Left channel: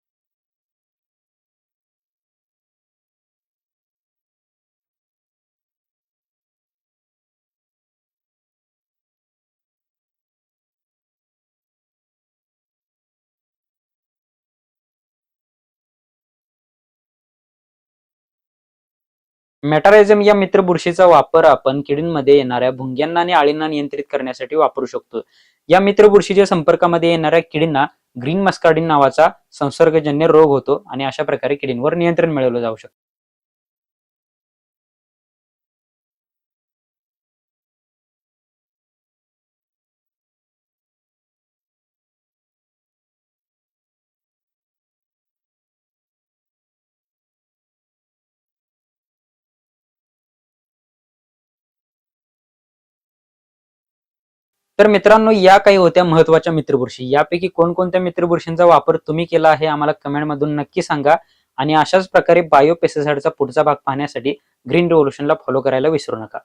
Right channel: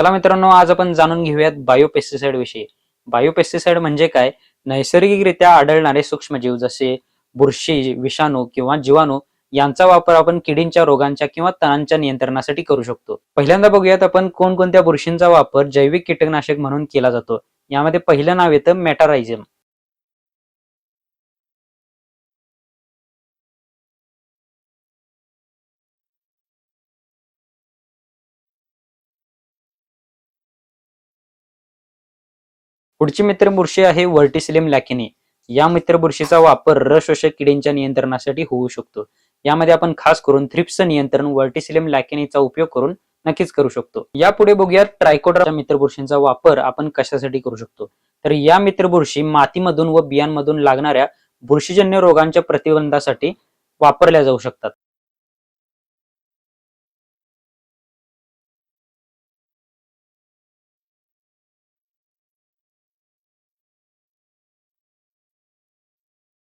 चला मित्रांनो आज आपण जाणून घेऊयात बायोपेस्टिसाइड विषयी. बायोपेस्टिसाइड म्हणजे काय? नैसर्गिकरित्या आढळणारे सूक्ष्मजीव जसे बुरशी विषाणू किंवा जीवाणू यांचा वापर आपण किडींच्या रोगांच्या किंवा तणांच्या नियंत्रणासाठी करू शकतो. पहिल्यांदा बघूयात आपण कोणकोणत्या बुरशींचा वापर जैविक कीटकनाशक म्हणून केला जातो. यामध्ये पहिलं नाव येतं मेटारायझम मेटारायझम या मित्र बुरशीचा वापर आपण किडींमध्ये येणाऱ्या भुंग्यांना आणि आळींना नियंत्रित करण्यासाठी वापरू शकतो. या मित्र बुरशीच्या संपर्कामध्ये येणाऱ्या किडींना ग्रीन मस्कार्डिन नावाचा संसर्गजन्य रोग होतो आणि अशा प्रकारे किडींवर नियंत्रण मिळवलं जाऊ शकतं. पुढची मित्र बुरशी आहे वर्टिसिलियम लॅकिनी. या मित्र बुरशीचा वापर रस किडींच्या नियंत्रणासाठी होऊ शकतो. यामध्ये आपण खास करून थ्रिप्स नियंत्रण वर्टिसिलियम लॅकिनीचा उपयोग करून नक्कीच करू शकतो. यापुढे बघूया ट्रायकोडरच्या मित्रबुरशींचा वापर आपण कशासाठी करू शकतो? तर या मित्रबुरशी मातीमधून व बियांमधून लागणाऱ्या बुरशीजन्य रोगांच्या प्रतिबंधासाठी वापरल्या जाऊ शकतात. तर मित्रांनो या काही होत्या महत्त्वाच्या मित्रबुरशी यापैकी कोणकोणत्या मित्रबुरशींचा वापर तुम्ही केला आहे आम्हाला कमेंट मधून नक्की सांगा. आणि अशाच प्रकारे बायो पेस्टिसाइडचा पुढचा भाग पाहण्यासाठी ग्रीन रिव्होल्युशनला फॉलो करायला विसरू नका.